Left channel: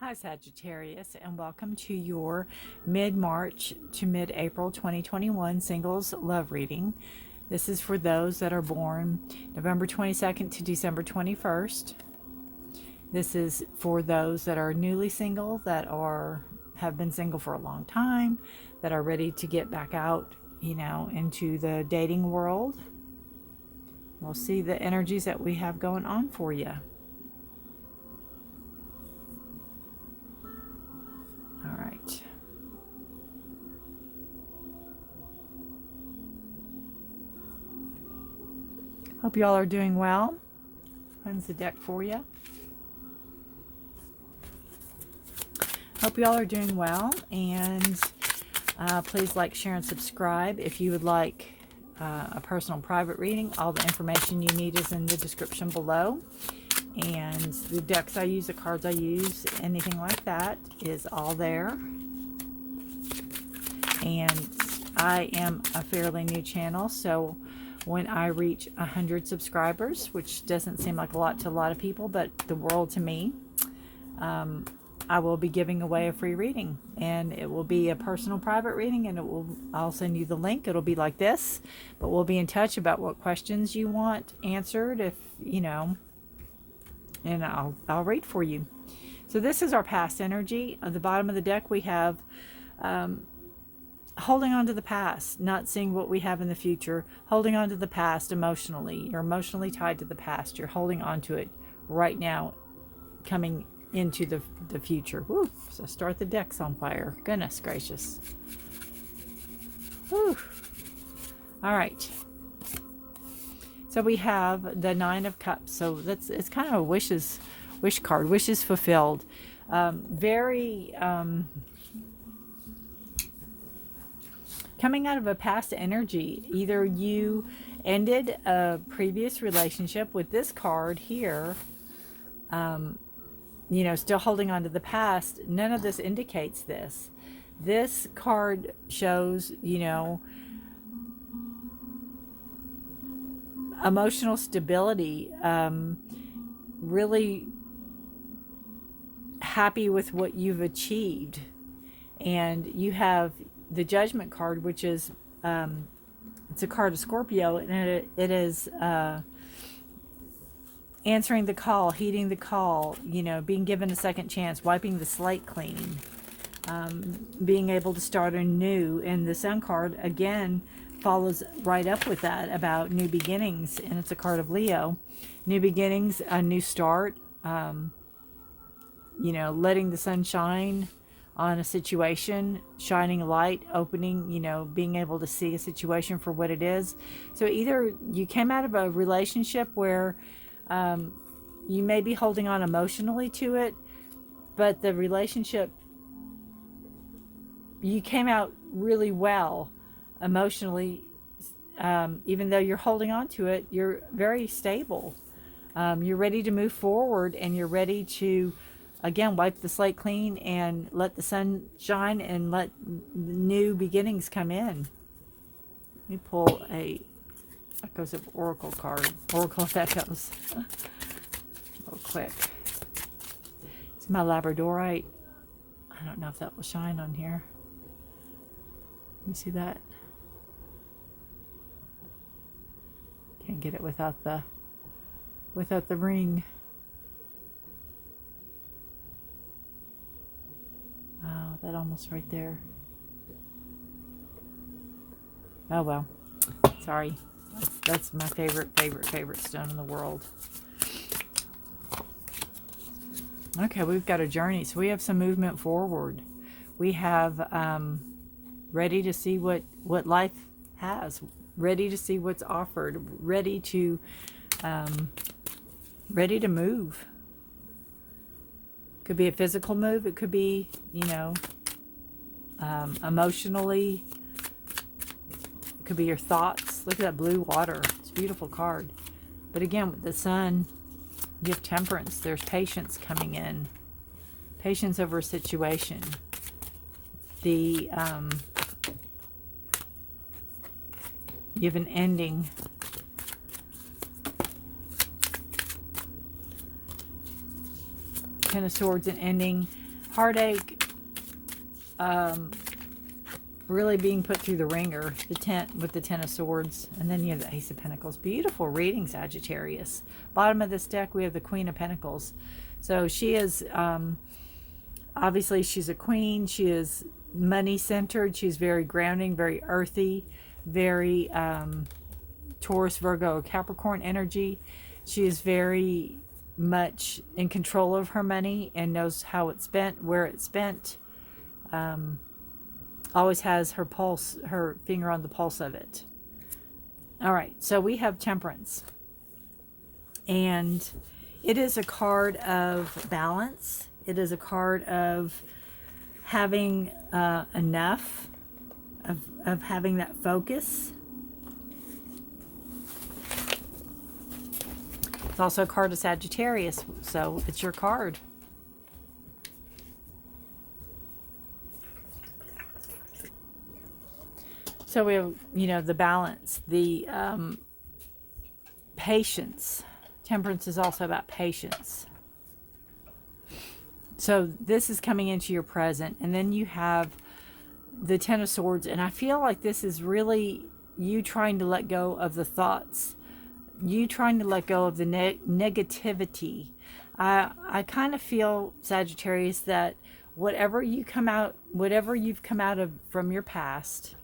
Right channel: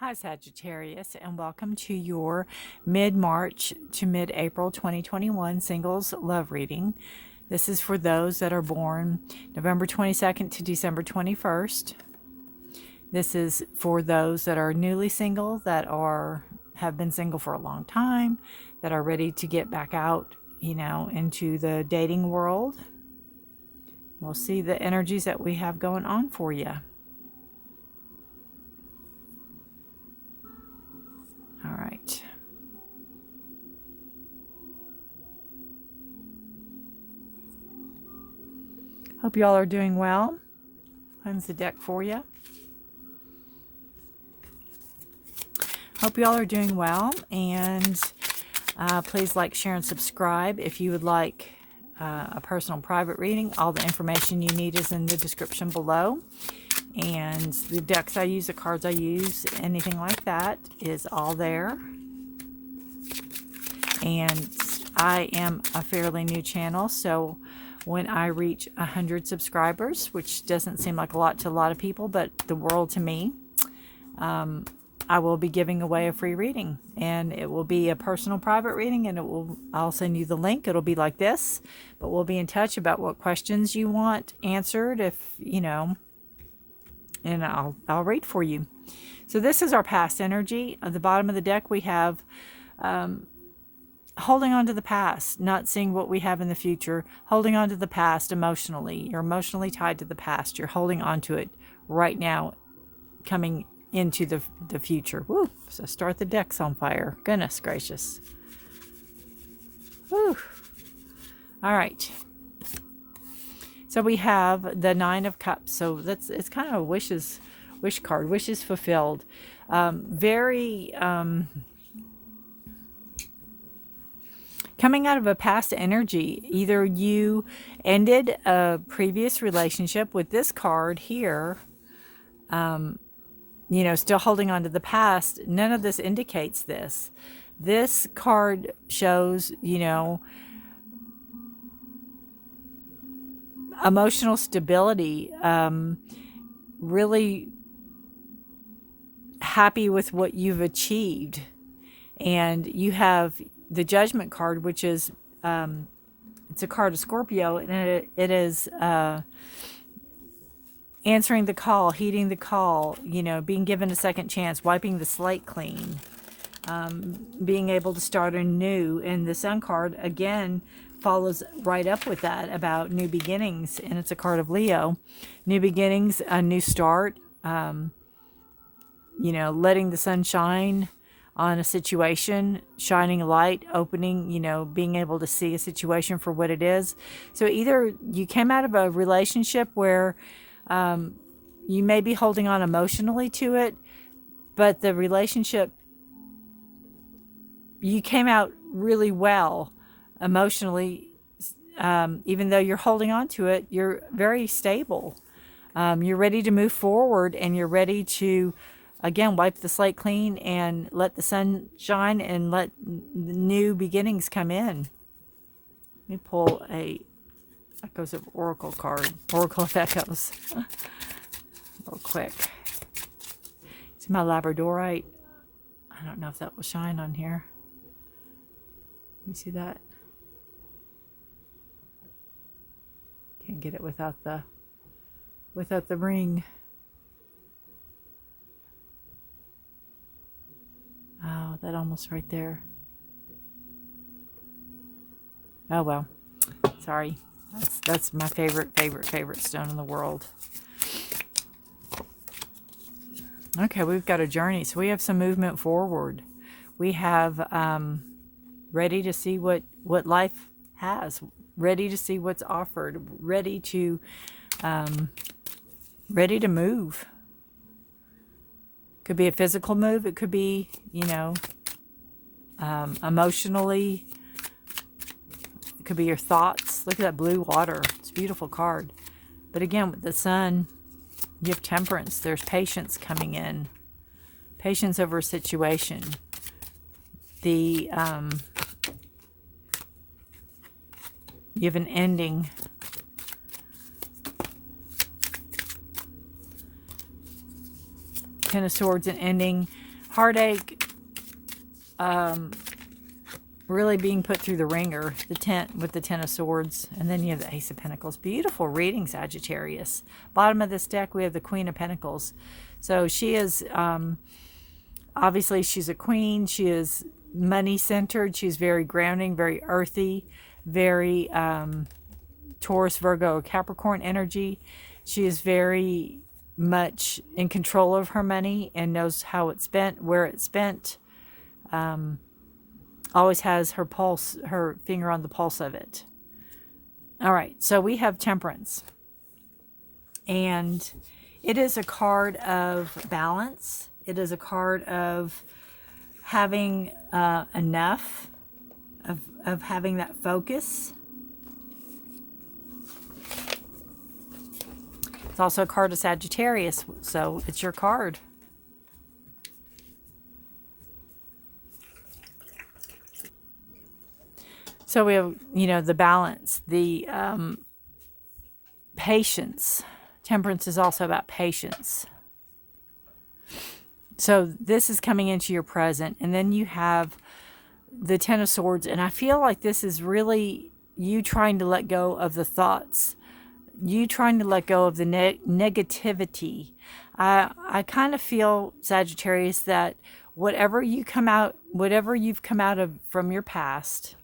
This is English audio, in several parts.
Hi Sagittarius, and welcome to your mid-March to mid-April 2021 singles love reading. This is for those that are born November 22nd to December 21st. This is for those that are newly single, that have been single for a long time, that are ready to get back out, into the dating world. We'll see the energies that we have going on for you. All right. Hope y'all are doing well. Cleanse the deck for you. Hope y'all are doing well, and please like, share, and subscribe. If you would like a personal private reading, all the information you need is in the description below. And the decks I use, the cards I use, anything like that is all there. And I am a fairly new channel, so when I reach 100 subscribers, which doesn't seem like a lot to a lot of people, but the world to me, I will be giving away a free reading, and it will be a personal private reading, and I'll send you the link. It'll be like this, but we'll be in touch about what questions you want answered, if and I'll read for you. So this is our past energy. At the bottom of the deck, we have holding on to the past, not seeing what we have in the future, holding on to the past emotionally. You're emotionally tied to the past. You're holding on to it right now, coming into the future. Woo! So start the decks on fire. Goodness gracious. Woo! All right. So we have the Nine of Cups. So it's kind of a wish card. Wishes fulfilled. Very coming out of a past energy. Either you ended a previous relationship with this card here. Still holding on to the past. None of this indicates this. This card shows, emotional stability, really happy with what you've achieved. And you have the Judgment card, which is it's a card of Scorpio, and it is answering the call, heeding the call, being given a second chance, wiping the slate clean, being able to start anew. And the Sun card again follows right up with that, about new beginnings, and it's a card of Leo. New beginnings, a new start, letting the sun shine on a situation, shining a light, opening, being able to see a situation for what it is. So either you came out of a relationship where you may be holding on emotionally to it, but the relationship, you came out really well emotionally. Even though you're holding on to it, you're very stable. You're ready to move forward, and you're ready to, again, wipe the slate clean and let the sun shine and let new beginnings come in. Let me pull a Echoes of Oracle card. Oracle of Echoes. Real quick. It's my Labradorite. I don't know if that will shine on here. You see that? Can't get it without the ring. Oh, that almost right there. Oh well. Sorry. That's my favorite stone in the world. Okay, we've got a journey. So we have some movement forward. We have ready to see what life has, ready to see what's offered, ready to move. Could be a physical move. It could be, emotionally. It could be your thoughts. Look at that blue water. It's a beautiful card. But again, with the sun, you have temperance. There's patience coming in. Patience over a situation. You have an ending. Ten of Swords, an ending. heartache, really being put through the ringer, with the Ten of Swords, and then you have the Ace of Pentacles. Beautiful reading, Sagittarius. Bottom of this deck, we have the Queen of Pentacles. So she is, obviously she's a queen. She is money-centered. She's very grounding, very earthy, very Taurus, Virgo, Capricorn energy. She is very much in control of her money and knows how it's spent, where it's spent. Always has her finger on the pulse of it. All right, so we have Temperance. And it is a card of balance. It is a card of having enough, of having that focus. It's also a card of Sagittarius, so it's your card. So we have, you know, the balance, the patience. Temperance is also about patience. So this is coming into your present. And then you have the Ten of Swords. And I feel like this is really you trying to let go of the thoughts. You trying to let go of the negativity. I kind of feel, Sagittarius, that whatever you've come out of from your past,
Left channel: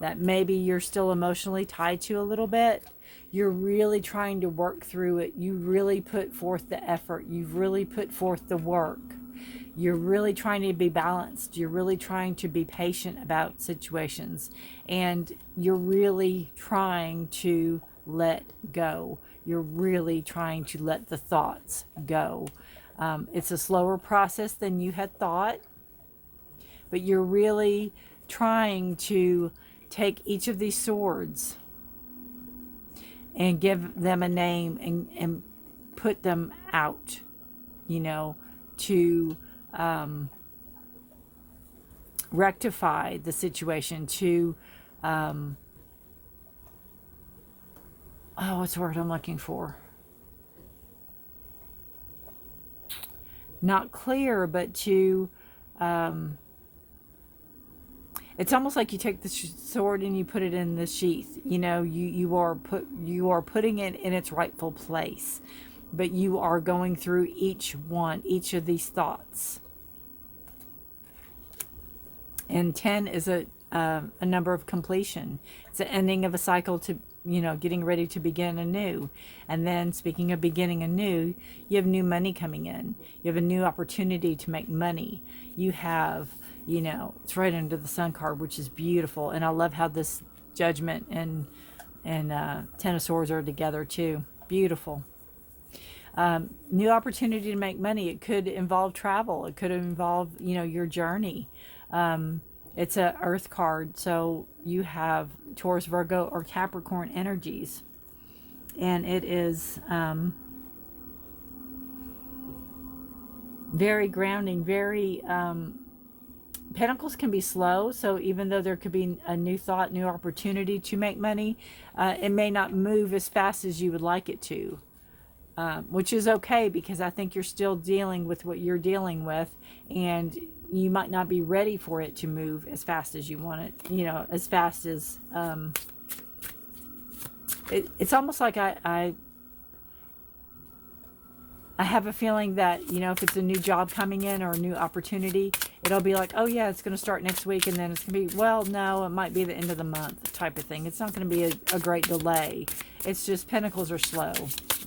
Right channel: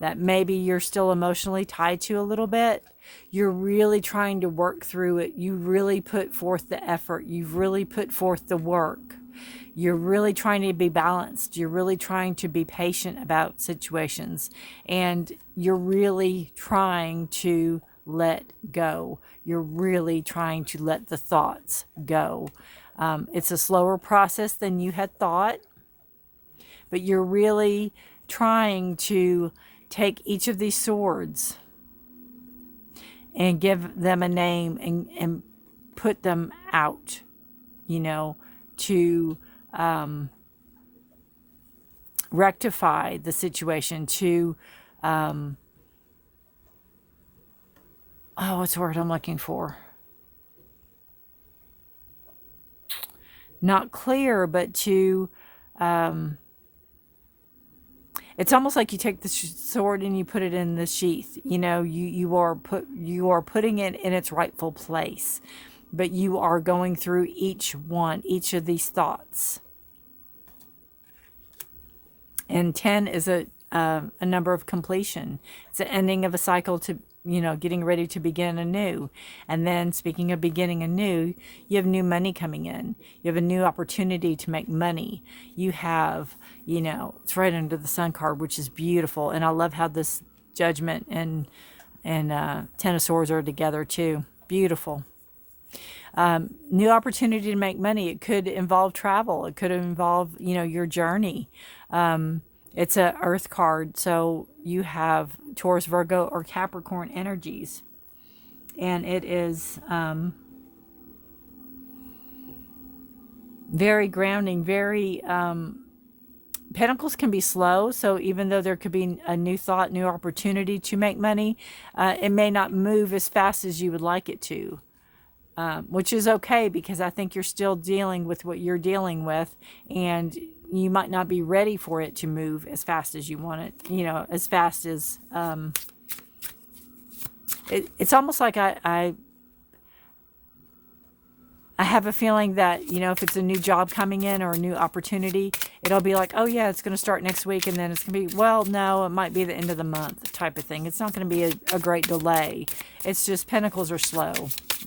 that maybe you're still emotionally tied to a little bit, you're really trying to work through it. You really put forth the effort. You've really put forth the work. You're really trying to be balanced. You're really trying to be patient about situations. And you're really trying to let go. You're really trying to let the thoughts go. It's a slower process than you had thought, but you're really trying to take each of these swords and give them a name and put them out, you know, to rectify the situation, to what's the word I'm looking for? Not clear, but to it's almost like you take the sword and you put it in the sheath. You know, you are putting it in its rightful place, but you are going through each of these thoughts. And 10 is a number of completion. It's the ending of a cycle to, you know, getting ready to begin anew. And then, speaking of beginning anew, you have new money coming in. You have a new opportunity to make money. You have, you know, it's right under the Sun card, which is beautiful. And I love how this Judgment and Ten of Swords are together too. Beautiful. New opportunity to make money. It could involve travel. It could involve, you know, your journey. It's a Earth card, so you have Taurus, Virgo, or Capricorn energies. And it is very grounding, very... Pentacles can be slow, so even though there could be a new thought, new opportunity to make money, it may not move as fast as you would like it to. Which is okay, because I think you're still dealing with what you're dealing with, and you might not be ready for it to move as fast as you want it, you know, as fast as it's almost like I have a feeling that, you know, if it's a new job coming in or a new opportunity, it'll be like, oh yeah, it's going to start next week, and then it's going to be, well, no, it might be the end of the month type of thing. It's not going to be a great delay. It's just Pentacles are slow.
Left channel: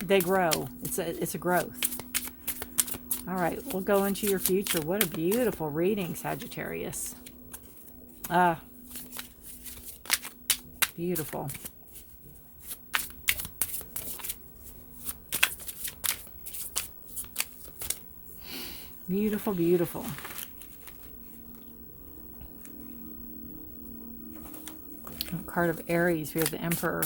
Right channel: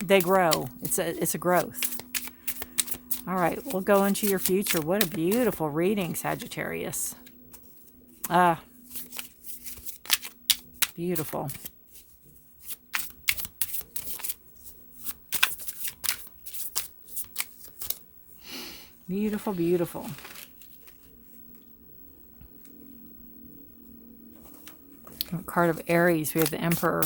They grow. It's a growth. All right, we'll go into your future. What a beautiful reading, Sagittarius. Beautiful. Beautiful, beautiful. A card of Aries. We have the Emperor.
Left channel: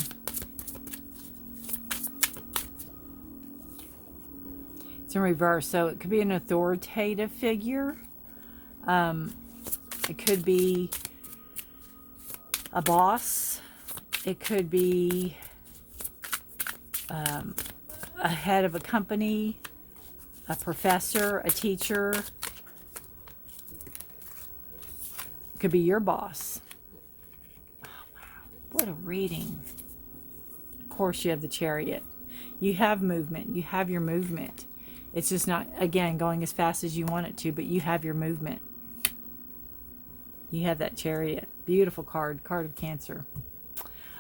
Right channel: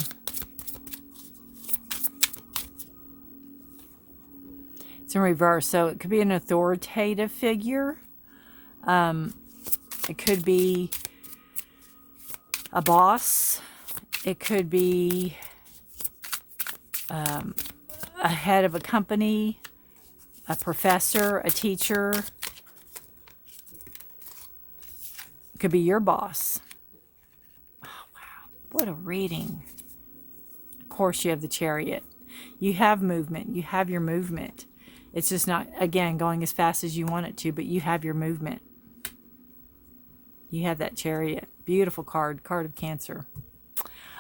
It's in reverse, so it could be an authoritative figure. It could be a boss. It could be a head of a company, a professor, a teacher. could be your boss. Oh, wow. What a reading. Of course, you have the Chariot. You have movement. You have your movement. It's just not, again, going as fast as you want it to, but you have your movement. You have that Chariot. Beautiful card. Card of Cancer.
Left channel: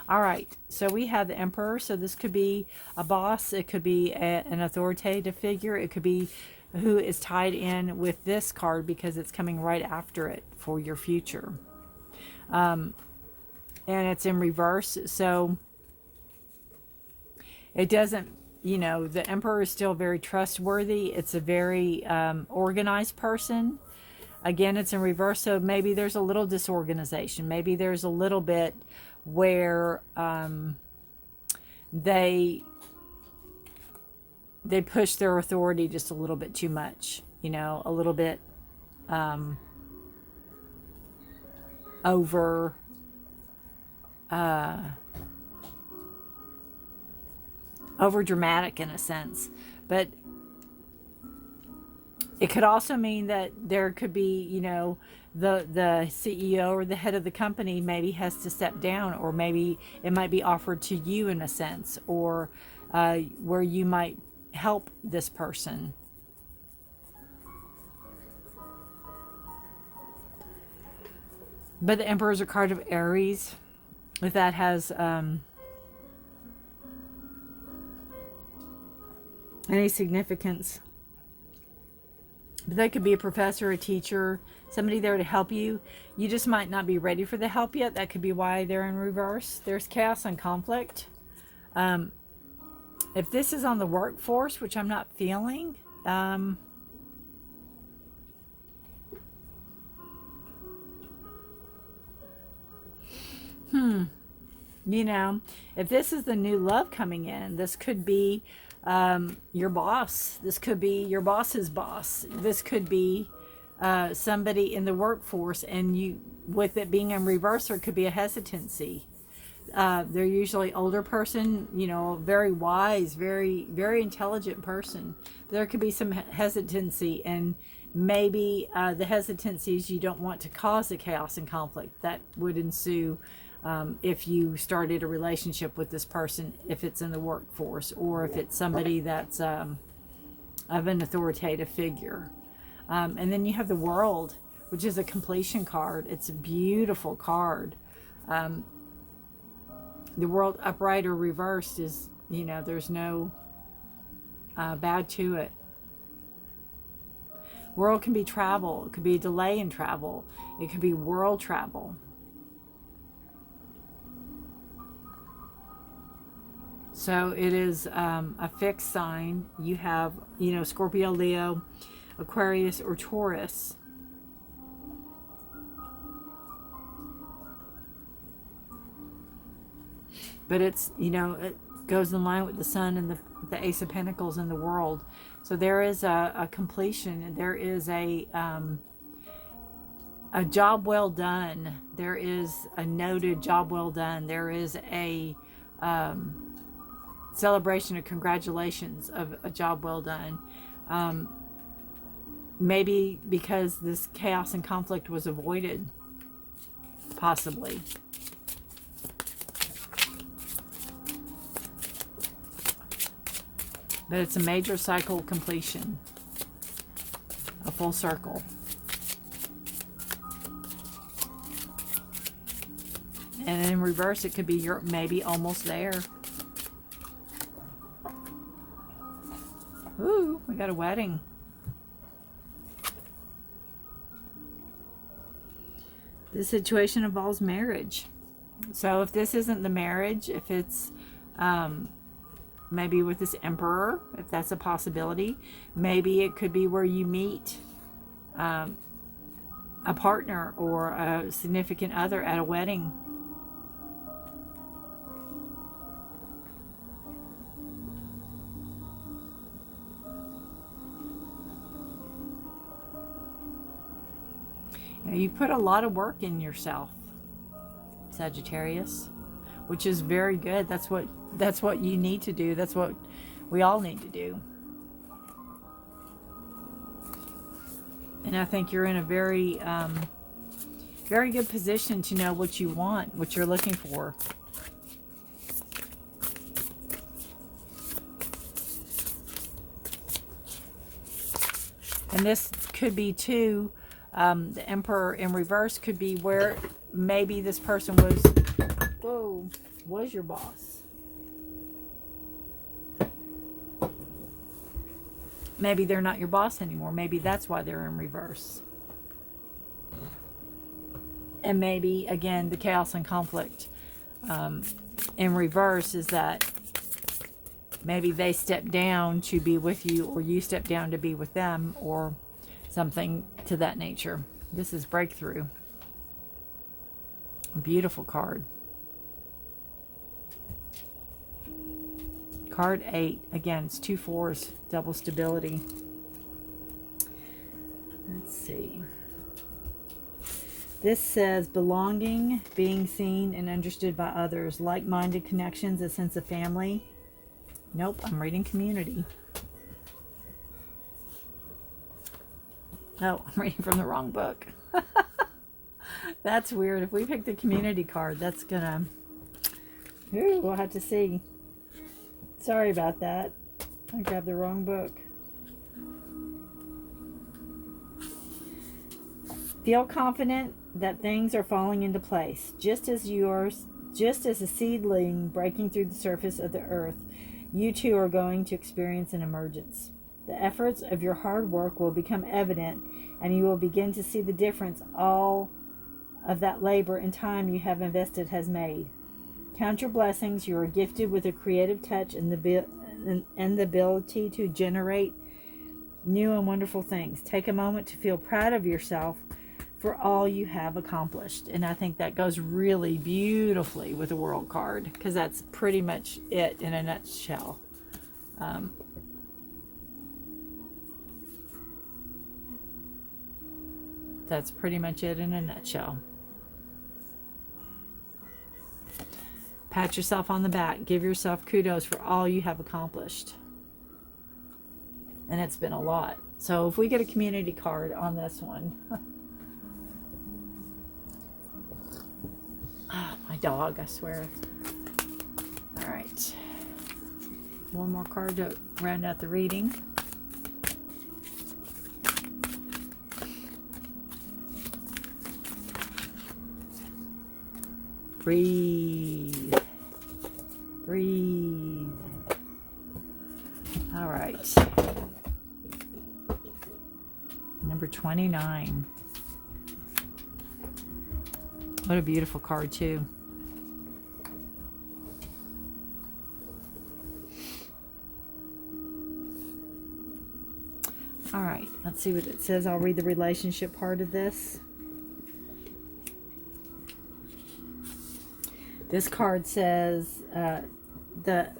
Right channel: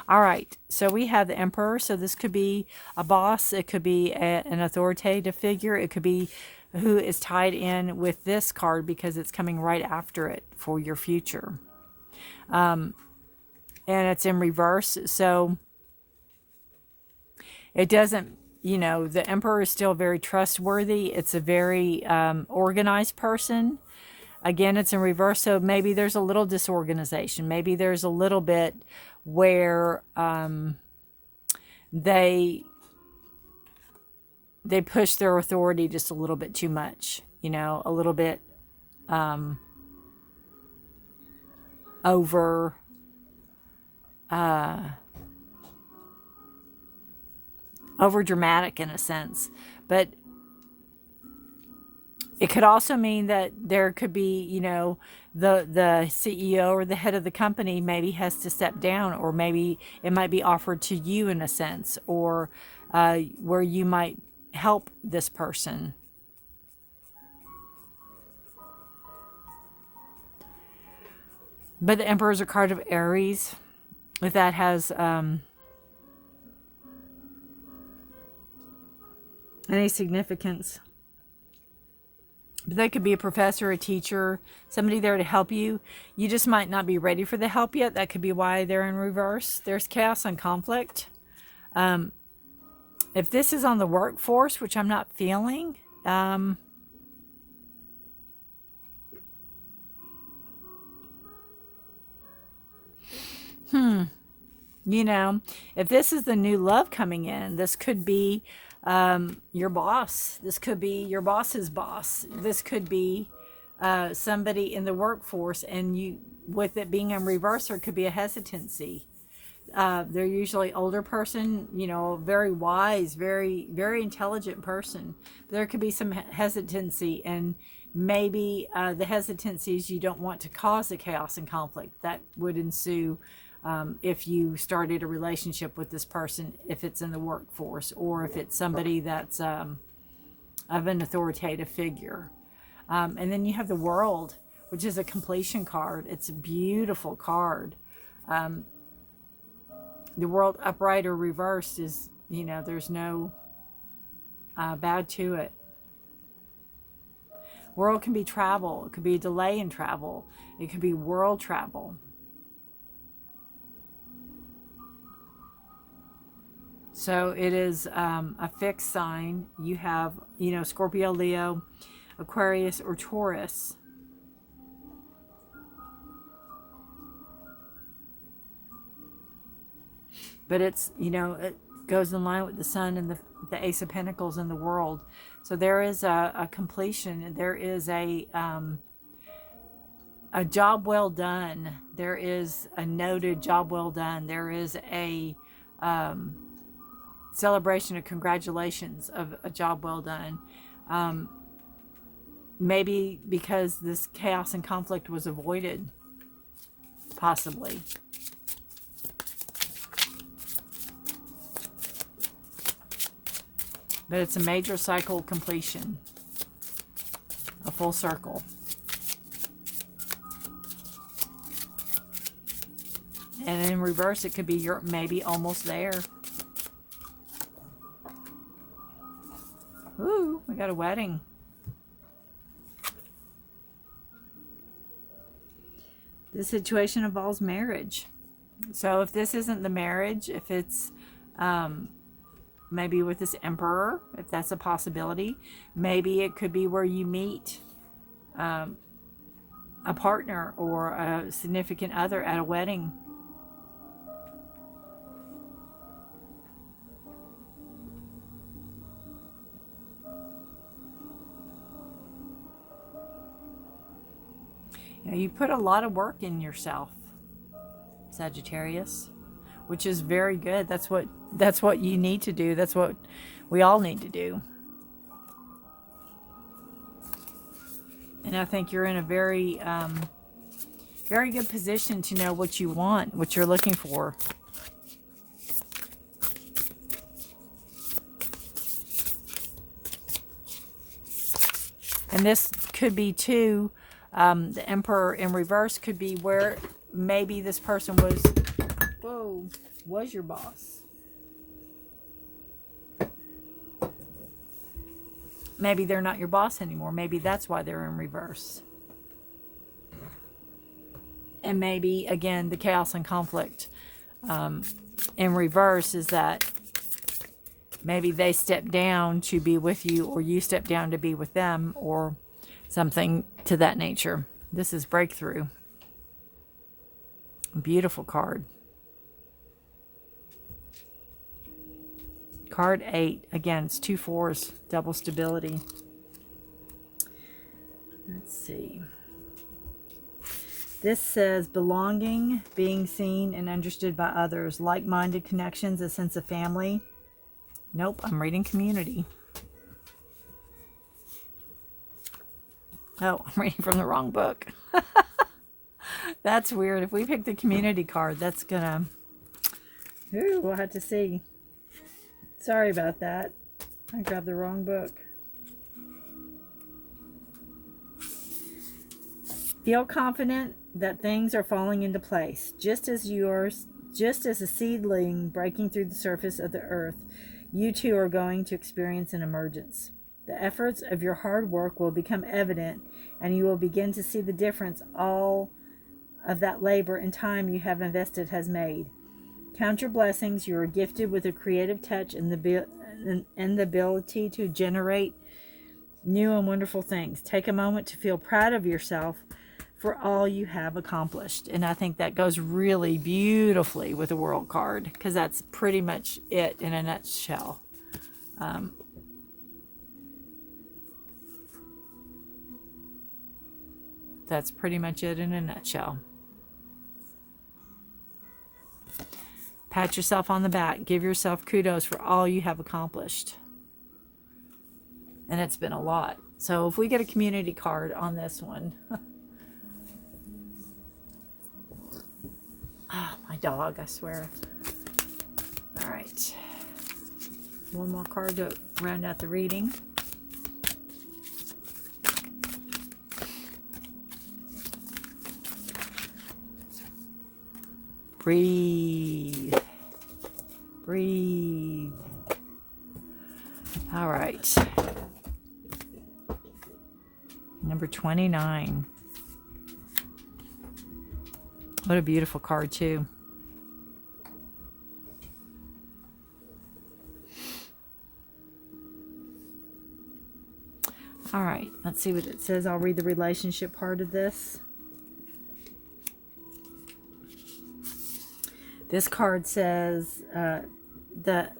All right. So we have the Emperor. So this could be a boss. It could be an authoritative figure. It could be who is tied in with this card because it's coming right after it for your future. And it's in reverse. So it doesn't, you know, the Emperor is still very trustworthy. It's a very organized person. Again, it's in reverse, so maybe there's a little disorganization. Maybe there's a little bit where they push their authority just a little bit too much. You know, a little bit over dramatic in a sense. But it could also mean that there could be, you know, the CEO or the head of the company maybe has to step down, or maybe it might be offered to you in a sense, or where you might help this person. But the Emperor is a card of Aries. If that has any significance. But that could be a professor, a teacher, somebody there to help you. You just might not be ready for the help yet. That could be why they're in reverse. There's chaos and conflict. If this is on the workforce, which I'm not feeling, you know, if this is the new love coming in, this could be your boss. This could be your boss's boss. This could be somebody in the workforce, and you, with it being in reverse, there could be a hesitancy. They're usually older person, you know, very wise, very, very intelligent person. There could be some hesitancy, and maybe the hesitancy is you don't want to cause the chaos and conflict that would ensue if you started a relationship with this person, if it's in the workforce, or if it's somebody that's of an authoritative figure. And then you have the World, which is a completion card. It's a beautiful card. The World upright or reversed is, you know, there's no bad to it. World can be travel. It could be a delay in travel. It could be world travel. So it is a fixed sign. You have, you know, Scorpio, Leo, Aquarius, or Taurus. But it's, you know, it goes in line with the Sun and the Ace of Pentacles in the World. So there is a completion. There is a job well done. There is a noted job well done. There is a celebration of congratulations of a job well done. Maybe because this chaos and conflict was avoided, possibly. But it's a major cycle completion, a full circle. And in reverse, it could be you're maybe almost there. Ooh, we got a wedding. This situation involves marriage. So if this isn't the marriage, if it's maybe with this Emperor, if that's a possibility, maybe it could be where you meet a partner or a significant other at a wedding. You put a lot of work in yourself, Sagittarius, which is very good. That's what you need to do. That's what we all need to do. And I think you're in a very very good position to know what you want, what you're looking for. And this could be too, the Emperor in reverse could be where maybe this person was your boss. Maybe they're not your boss anymore. Maybe that's why they're in reverse. And maybe, again, the chaos and conflict in reverse is that maybe they step down to be with you, or you step down to be with them, or something to that nature. This is breakthrough. Beautiful card. Card 8. Again, it's 2 4s, double stability. Let's see. This says belonging, being seen and understood by others, like-minded connections, a sense of family. Nope, I'm reading community. Oh, I'm reading from the wrong book. That's weird. If we pick the community card, that's gonna... Ooh, we'll have to see. Sorry about that. I grabbed the wrong book. Feel confident that things are falling into place. Just as a seedling breaking through the surface of the earth, you too are going to experience an emergence. The efforts of your hard work will become evident, and you will begin to see the difference all of that labor and time you have invested has made. Count your blessings. You are gifted with a creative touch and the ability to generate new and wonderful things. Take a moment to feel proud of yourself for all you have accomplished. And I think that goes really beautifully with the World card, because that's pretty much it in a nutshell. That's pretty much it in a nutshell. Pat yourself on the back. Give yourself kudos for all you have accomplished. And it's been a lot. So if we get a community card on this one. Oh, my dog, I swear. All right. One more card to round out the reading. Breathe. Breathe. All right. Number 29. What a beautiful card, too. All right. Let's see what it says. I'll read the relationship part of this. This card says the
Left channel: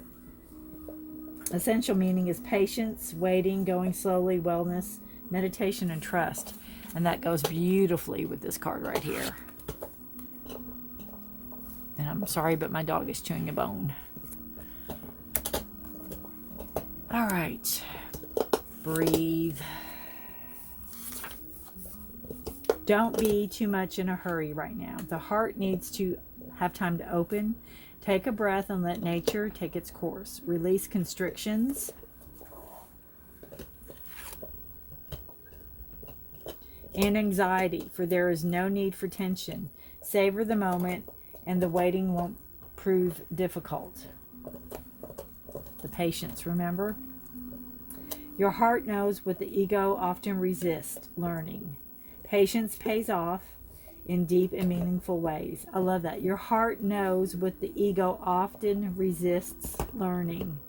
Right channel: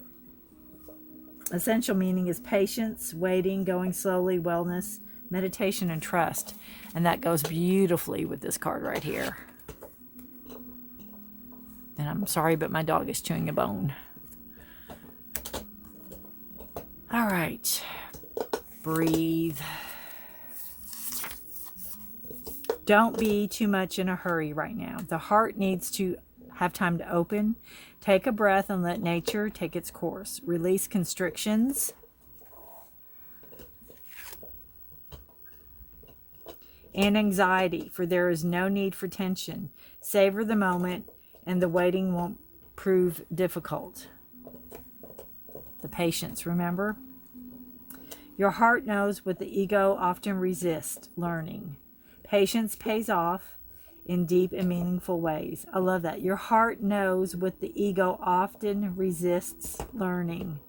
essential meaning is patience, waiting, going slowly, wellness, meditation, and trust. And that goes beautifully with this card right here. And I'm sorry, but my dog is chewing a bone. All right. Breathe. Don't be too much in a hurry right now. The heart needs to have time to open. Take a breath and let nature take its course. Release constrictions. And anxiety, for there is no need for tension. Savor the moment, and the waiting won't prove difficult. The patience, remember? Your heart knows what the ego often resists learning. Patience pays off in deep and meaningful ways. I love that. Your heart knows what the ego often resists learning.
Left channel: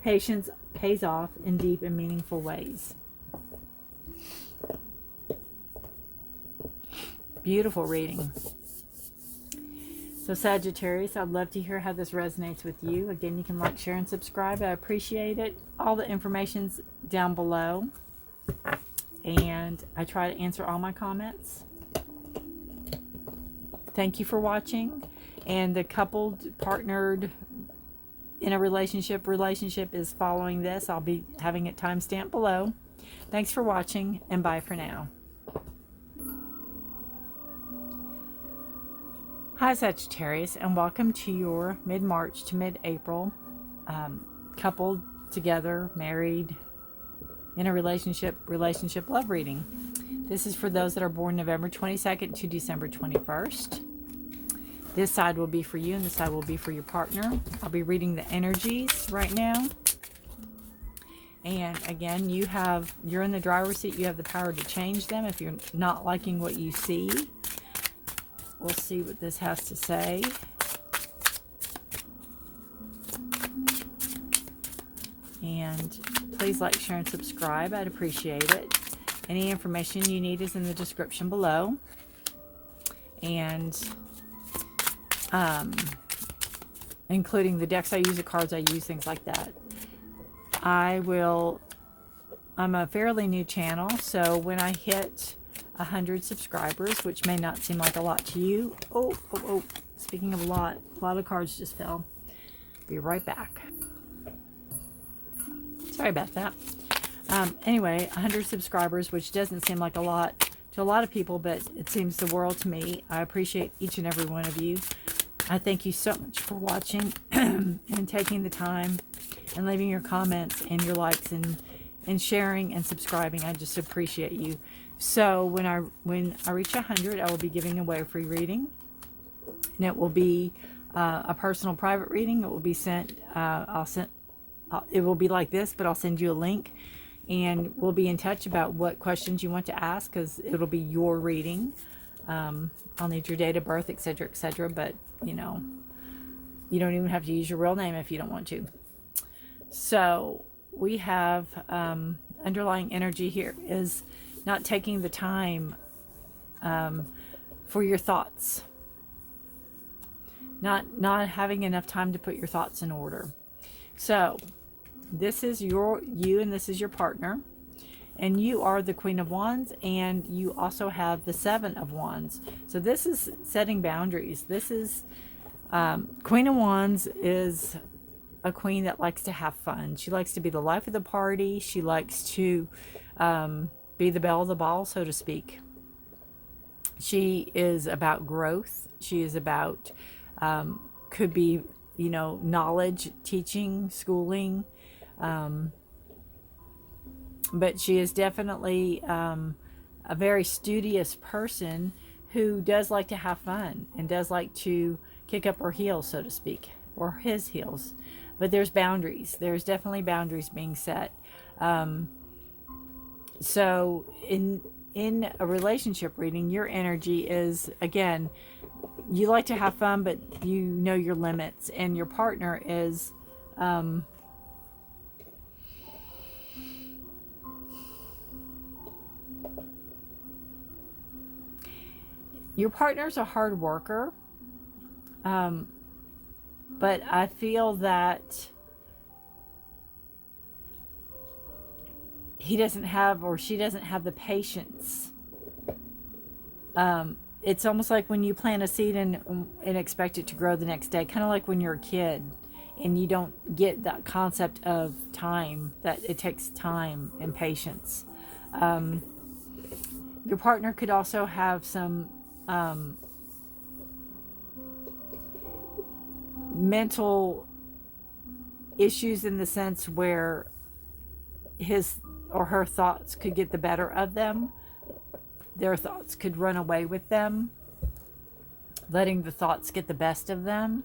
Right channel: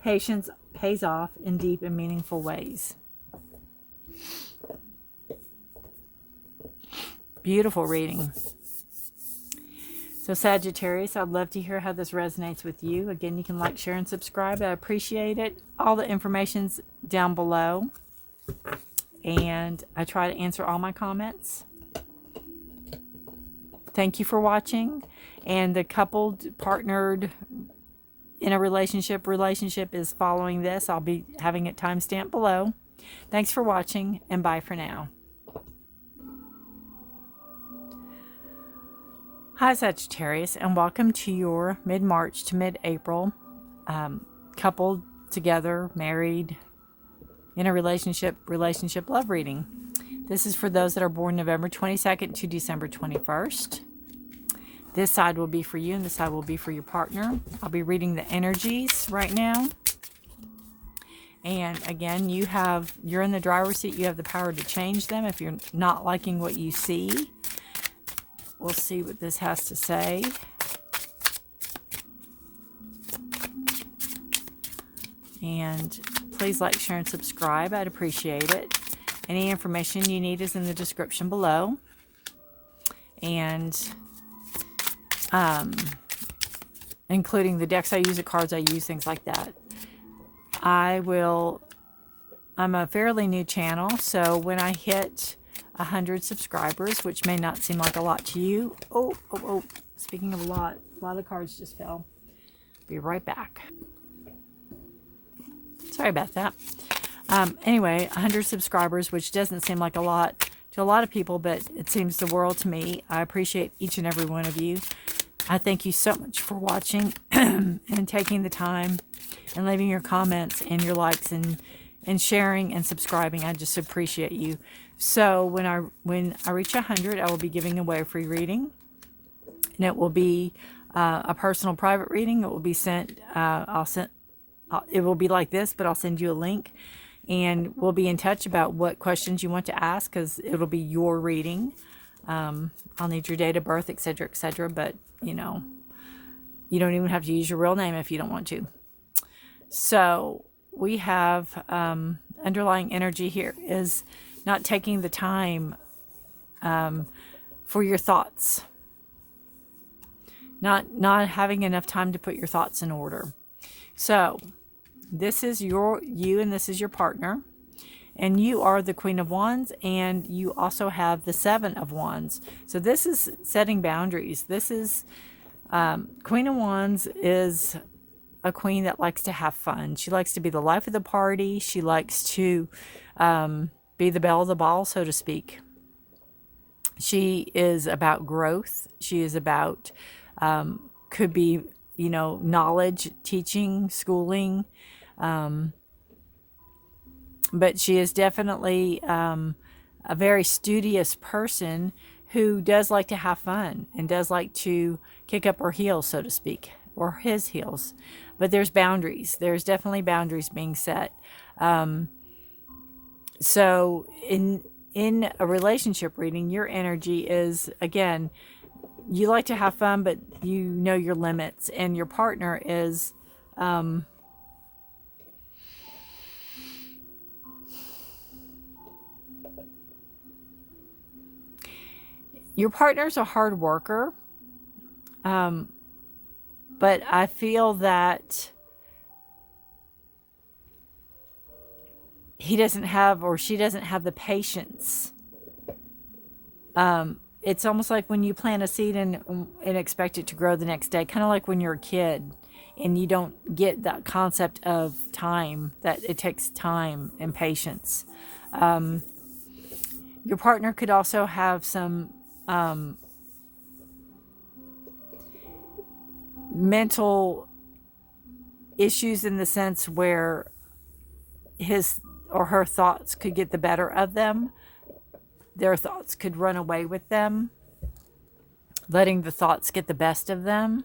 Patience pays off in deep and meaningful ways. Beautiful reading. So Sagittarius, I'd love to hear how this resonates with you. Again, you can like, share, and subscribe. I appreciate it. All the information's down below. And I try to answer all my comments. Thank you for watching. And the coupled, partnered, in a relationship is following this. I'll be having it timestamped below. Thanks for watching, and bye for now. Hi Sagittarius, and welcome to your mid-March to mid-April coupled, together, married, in a relationship love reading. This is for those that are born November 22nd to December 21st. This side will be for you and this side will be for your partner. I'll be reading the energies right now. And again, you're in the driver's seat. You have the power to change them if you're not liking what you see. We'll see what this has to say. And please like, share, and subscribe. I'd appreciate it. Any information you need is in the description below. And including the decks I use, the cards I use, things like that. I'm a fairly new channel, so when I hit 100 subscribers, which may not seem like a lot to you. Oh, speaking of a lot of cards just fell. Be right back. Sorry about that. Anyway, 100 subscribers, which doesn't seem like a lot to a lot of people, but it seems the world to me. I appreciate each and every one of you. I thank you so much for watching and taking the time and leaving your comments and your likes and sharing and subscribing. I just appreciate you. So when I reach 100, I will be giving away a free reading, and it will be a personal private reading that will be sent. It will be like this, but I'll send you a link, and we'll be in touch about what questions you want to ask, because it'll be your reading. I'll need your date of birth, etc., etc. But you don't even have to use your real name if you don't want to. So we have underlying energy here is not taking the time for your thoughts, not having enough time to put your thoughts in order. So this is you and this is your partner, and you are the Queen of Wands, and you also have the Seven of Wands. So this is setting boundaries. This is Queen of Wands is a queen that likes to have fun. She likes to be the life of the party. She likes to be the belle of the ball, so to speak. She is about growth. She is about, could be, knowledge, teaching, schooling. But she is definitely a very studious person who does like to have fun and does like to kick up her heels, so to speak, or his heels. But there's boundaries. There's definitely boundaries being set. So in a relationship reading, your energy is, again, you like to have fun, but you know your limits. And your partner is your partner's a hard worker. But I feel that he doesn't have, or she doesn't have, the patience. It's almost like when you plant a seed and expect it to grow the next day, kind of like when you're a kid and you don't get that concept of time, that it takes time and patience. Your partner could also have some mental issues, in the sense where his or her thoughts could get the better of them. Their thoughts could run away with them, letting the thoughts get the best of them.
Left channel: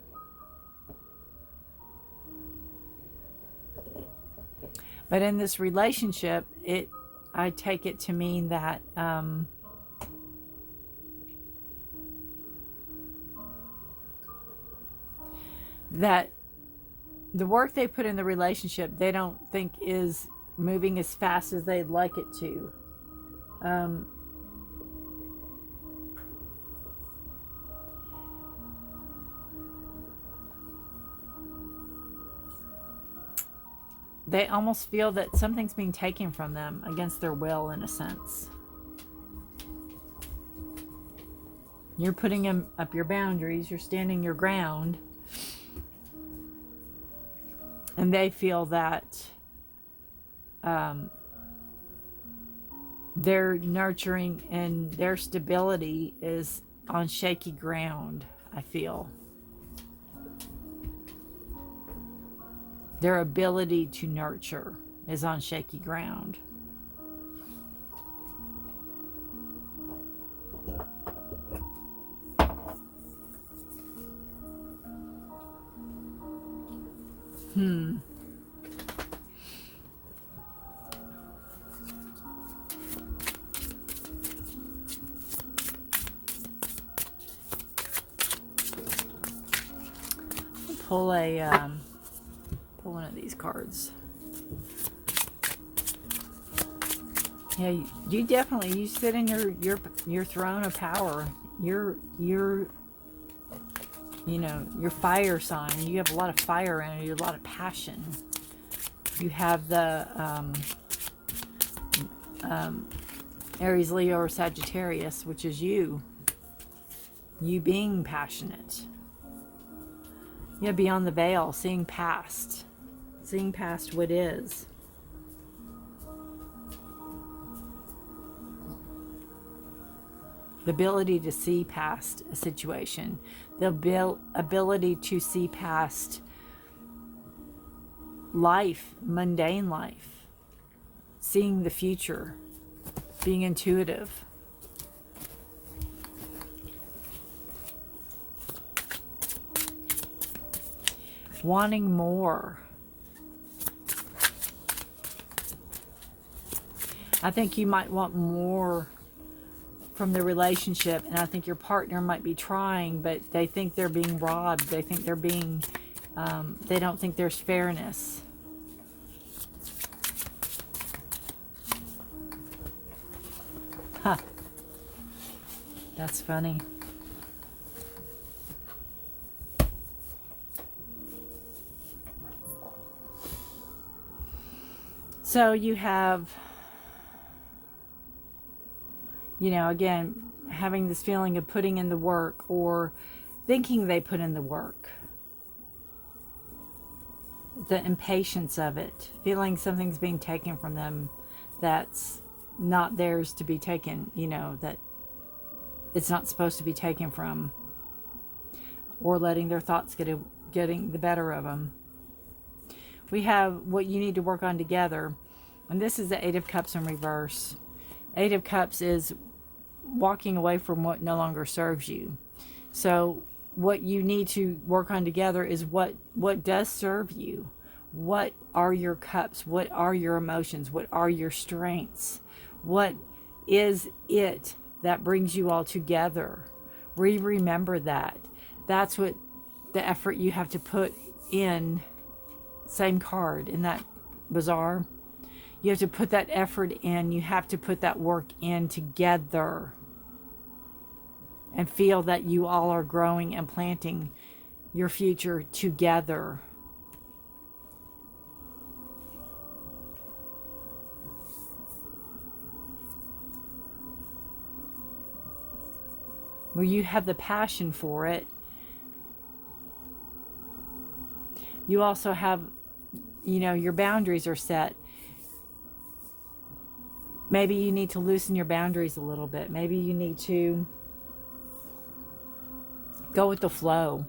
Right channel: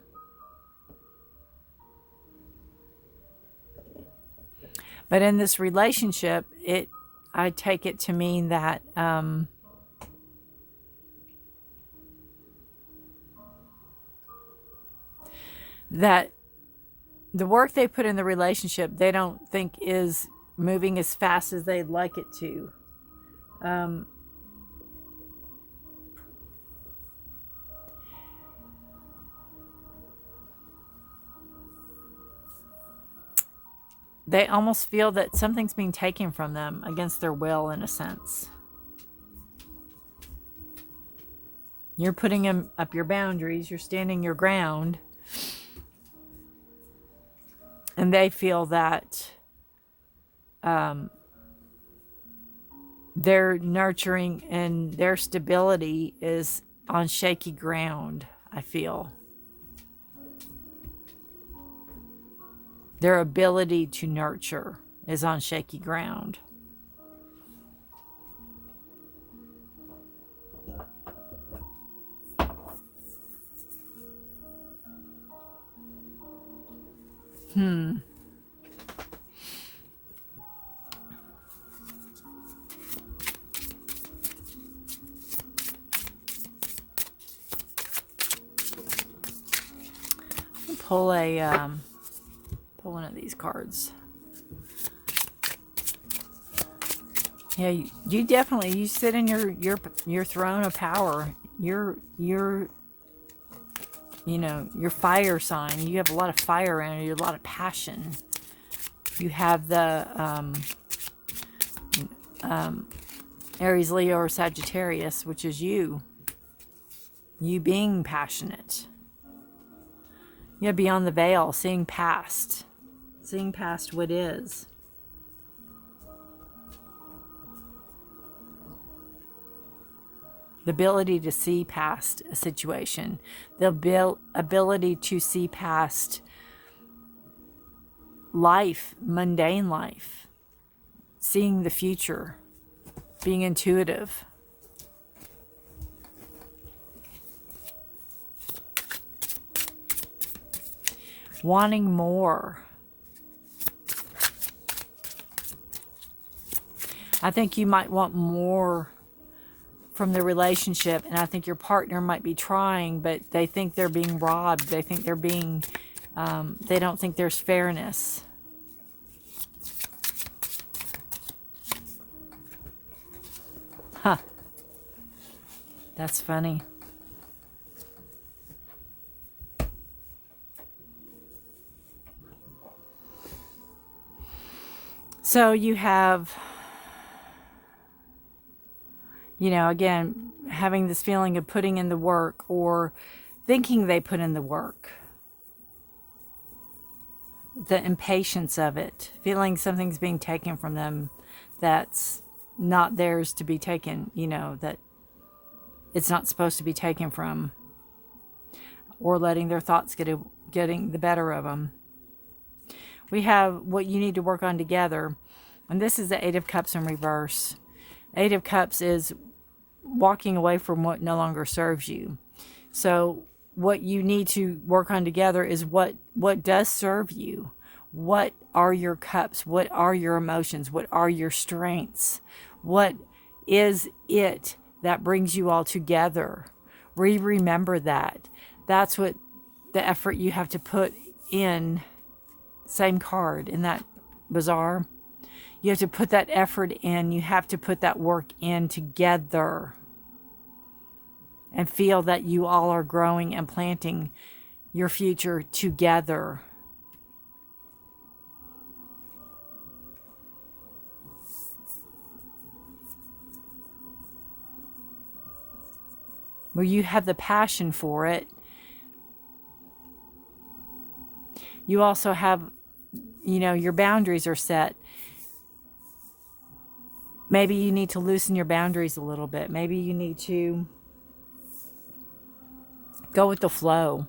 But in this relationship, I take it to mean that that the work they put in the relationship, they don't think is moving as fast as they'd like it to. They almost feel that something's being taken from them against their will, in a sense. You're putting up your boundaries, you're standing your ground, and they feel that their nurturing and their stability is on shaky ground. I feel. Their ability to nurture is on shaky ground. Pull pull one of these cards. Yeah, you definitely, you sit in your throne of power. You're you know, your fire sign. You have a lot of fire in you, a lot of passion. You have the Aries, Leo, or Sagittarius, which is you being passionate. Yeah, beyond the veil, seeing past what is. The ability to see past a situation, the ability to see past life, mundane life, seeing the future, being intuitive. Wanting more. I think you might want more from the relationship, and I think your partner might be trying, but they think they're being robbed. They think they're being, they don't think there's fairness. Huh. That's funny. So you have, you know, again, having this feeling of putting in the work or thinking they put in the work. The impatience of it, feeling something's being taken from them that's not theirs to be taken, you know, that it's not supposed to be taken from, or letting their thoughts getting the better of them. We have what you need to work on together, and this is the Eight of Cups in reverse. Eight of Cups is walking away from what no longer serves you. So what you need to work on together is what does serve you. What are your cups? What are your emotions? What are your strengths? What is it that brings you all together? Remember that. That's what the effort you have to put in. Same card in that bazaar. You have to put that effort in. You have to put that work in together. And feel that you all are growing and planting your future together. Where you have the passion for it. You also have, you know, your boundaries are set. Maybe you need to loosen your boundaries a little bit. Maybe you need to go with the flow.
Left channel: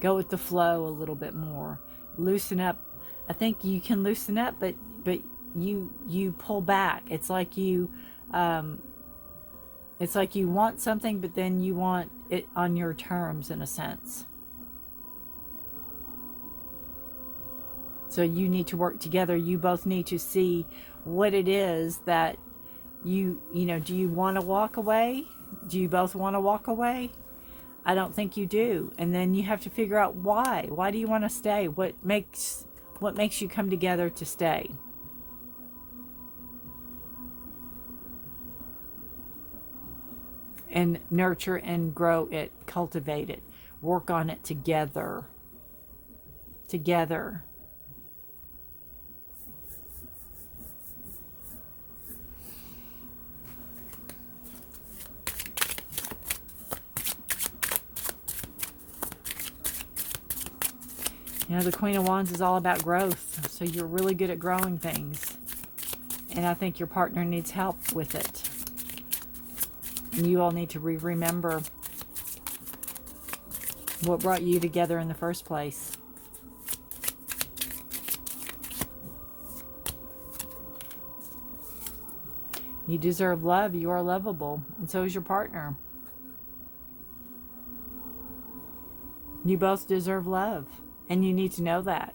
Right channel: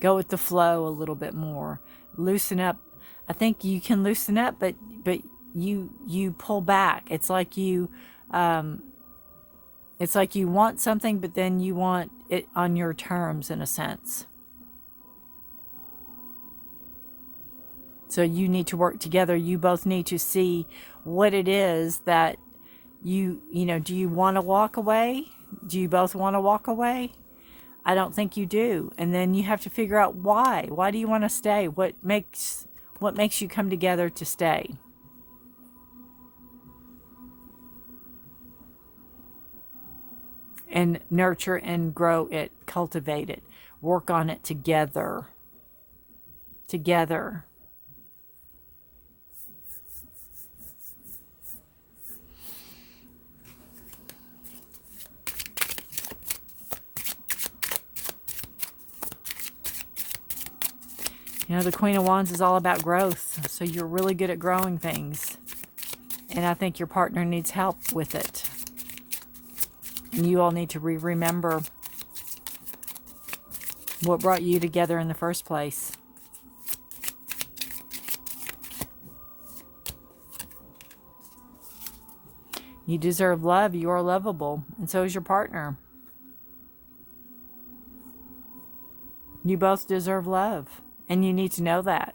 Go with the flow a little bit more. Loosen up. I think you can loosen up, but you pull back. It's like you want something, but then you want it on your terms, in a sense. So you need to work together. You both need to see what it is that you know, do you want to walk away? Do you both want to walk away? I don't think you do. And then you have to figure out why. Why do you want to stay? What makes you come together to stay? And nurture and grow it, cultivate it, work on it together. Together. You know, the Queen of Wands is all about growth. So you're really good at growing things. And I think your partner needs help with it. And you all need to remember what brought you together in the first place. You deserve love. You are lovable. And so is your partner. You both deserve love. And you need to know that.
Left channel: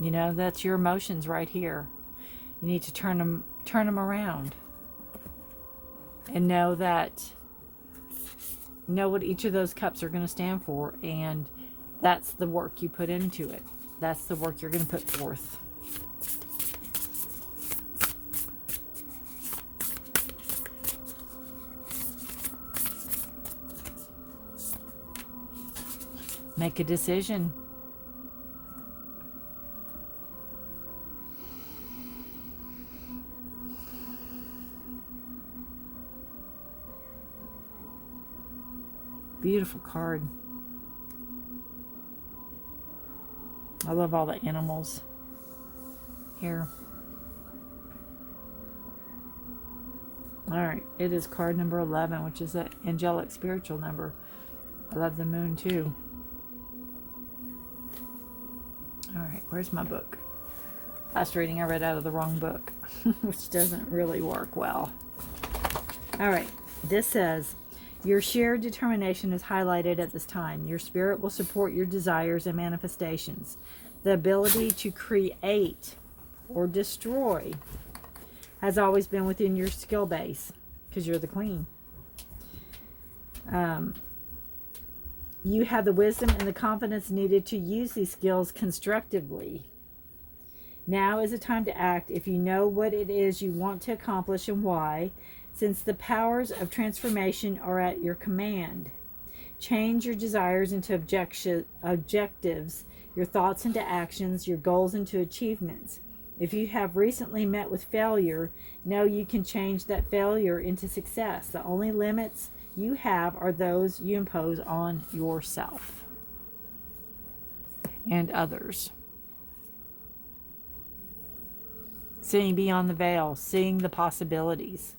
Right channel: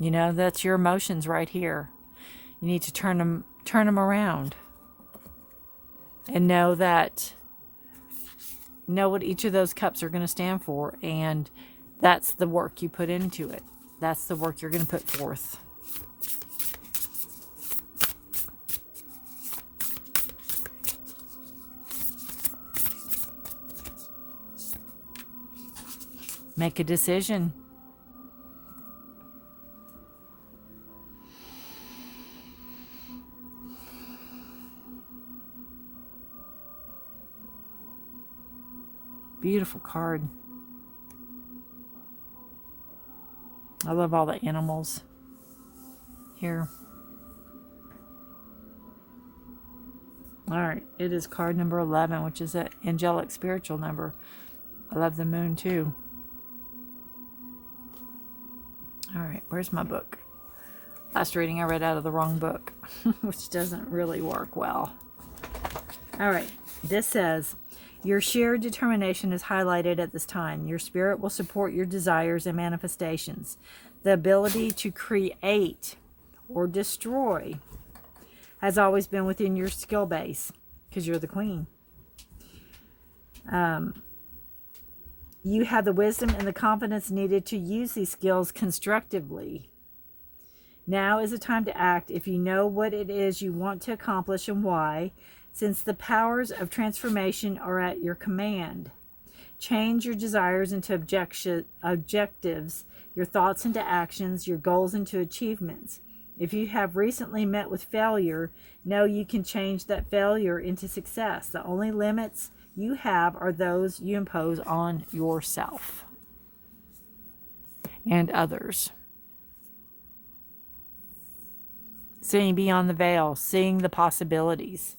You know, that's your emotions right here. You need to turn them around. And know what each of those cups are going to stand for. And that's the work you put into it. That's the work you're going to put forth. Make a decision. Beautiful card. I love all the animals here. All right, it is card number 11, which is an angelic spiritual number. I love the moon too. All right, where's my book? Last reading I read out of the wrong book, which doesn't really work well. All right, this says, your shared determination is highlighted at this time. Your spirit will support your desires and manifestations. The ability to create or destroy has always been within your skill base because you're the queen. You have the wisdom and the confidence needed to use these skills constructively. Now is the time to act if you know what it is you want to accomplish and why, since the powers of transformation are at your command. Change your desires into objectives, your thoughts into actions, your goals into achievements. If you have recently met with failure, know you can change that failure into success. The only limits you have are those you impose on yourself and others. Seeing beyond the veil, seeing the possibilities,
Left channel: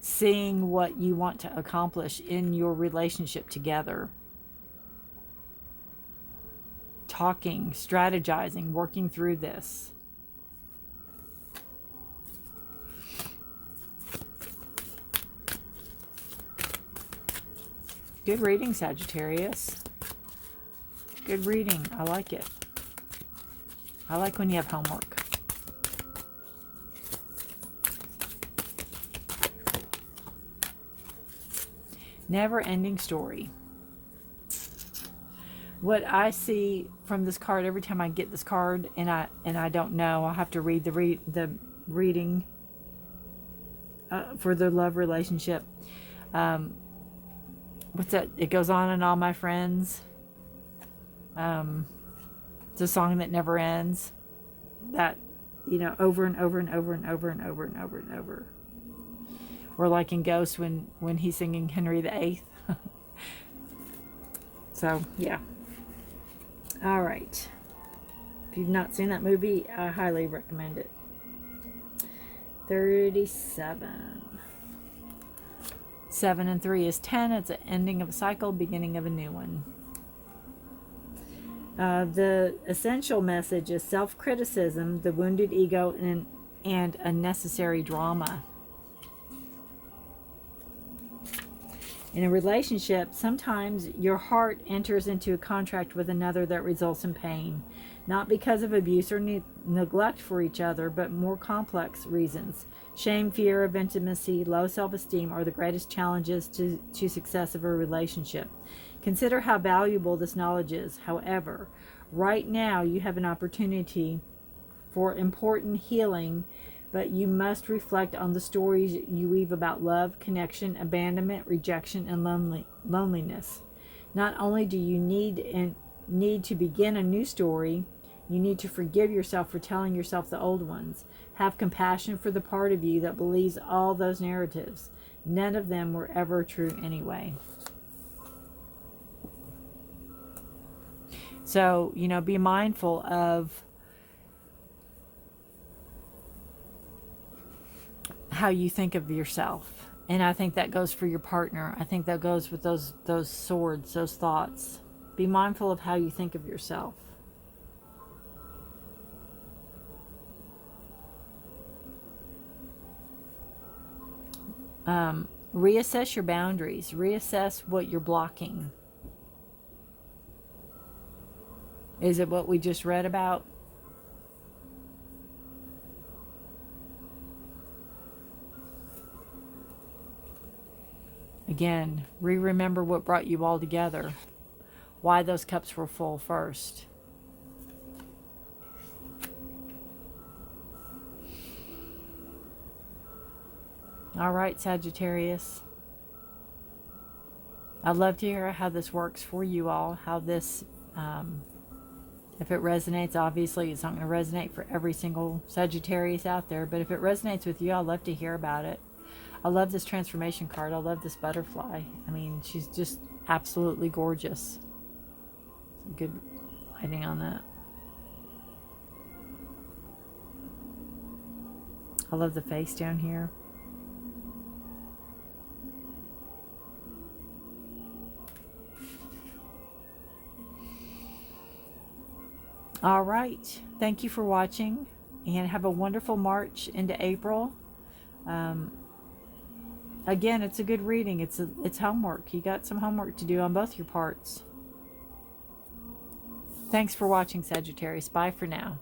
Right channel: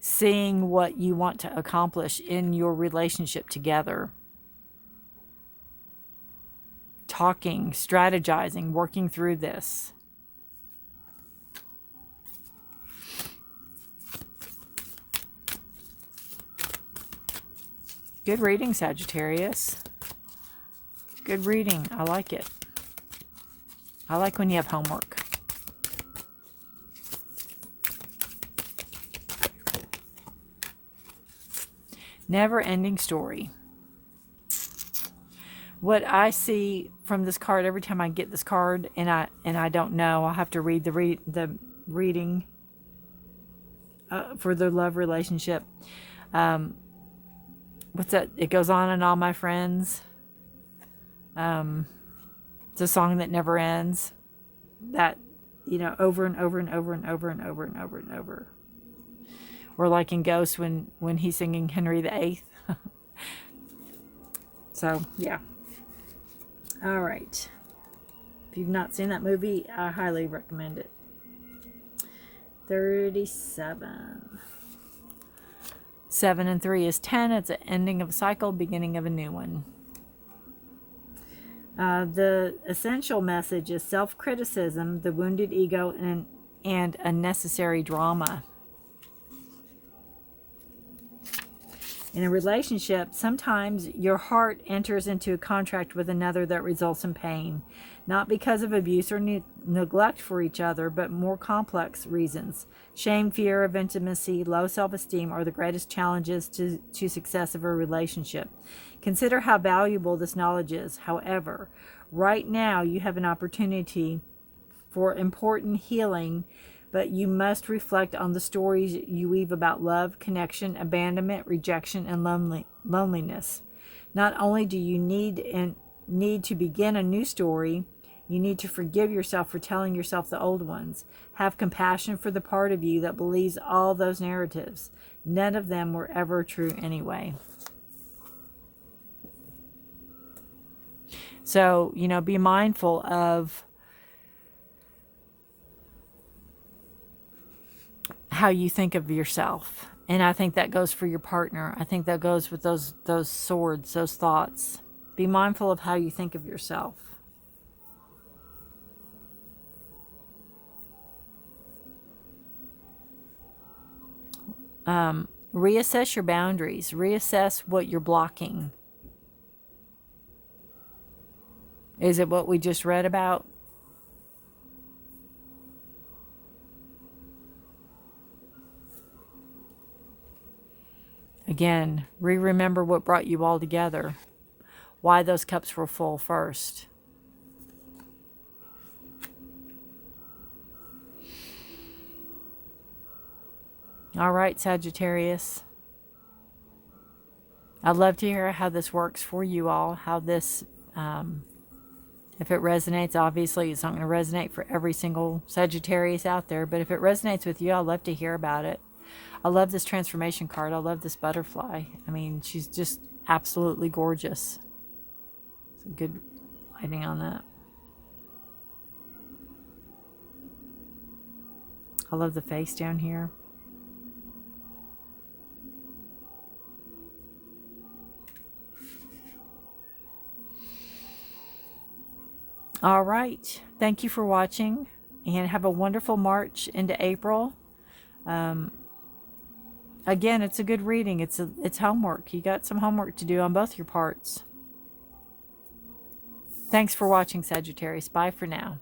seeing what you want to accomplish in your relationship together. Talking, strategizing, working through this. Good reading, Sagittarius. Good reading. I like it. I like when you have homework. Never-ending story. What I see from this card every time I get this card, and I don't know, I'll have to read the reading for the love relationship. What's that? It goes on and on, my friends. It's a song that never ends. That, you know, over and over and over and over and over and over and over. Or like in Ghost when he's singing Henry VIII. So, yeah. All right. If you've not seen that movie, I highly recommend it. 37. 7 and 3 is 10. It's an ending of a cycle, beginning of a new one. The essential message is self-criticism, the wounded ego, and unnecessary drama. In a relationship, sometimes your heart enters into a contract with another that results in pain, not because of abuse or neglect for each other, but more complex reasons. Shame, fear of intimacy, low self-esteem are the greatest challenges to success of a relationship. Consider how valuable this knowledge is. However, right now you have an opportunity for important healing, but you must reflect on the stories you weave about love, connection, abandonment, rejection, and loneliness. Not only do you need to begin a new story, you need to forgive yourself for telling yourself the old ones. Have compassion for the part of you that believes all those narratives. None of them were ever true anyway. So, you know, be mindful of how you think of yourself. And I think that goes for your partner. I think that goes with those swords, those thoughts. Be mindful of how you think of yourself. Reassess your boundaries. Reassess what you're blocking. Is it what we just read about? Again, remember what brought you all together. Why those cups were full first. All right, Sagittarius. I'd love to hear how this works for you all, how this, if it resonates. Obviously it's not going to resonate for every single Sagittarius out there, but if it resonates with you, I'd love to hear about it. I love this transformation card. I love this butterfly. I mean, she's just absolutely gorgeous. Some good lighting on that. I love the face down here. All right. Thank you for watching, and have a wonderful March into April. Again, it's a good reading. It's homework. You got some homework to do on both your parts. Thanks for watching, Sagittarius. Bye for now.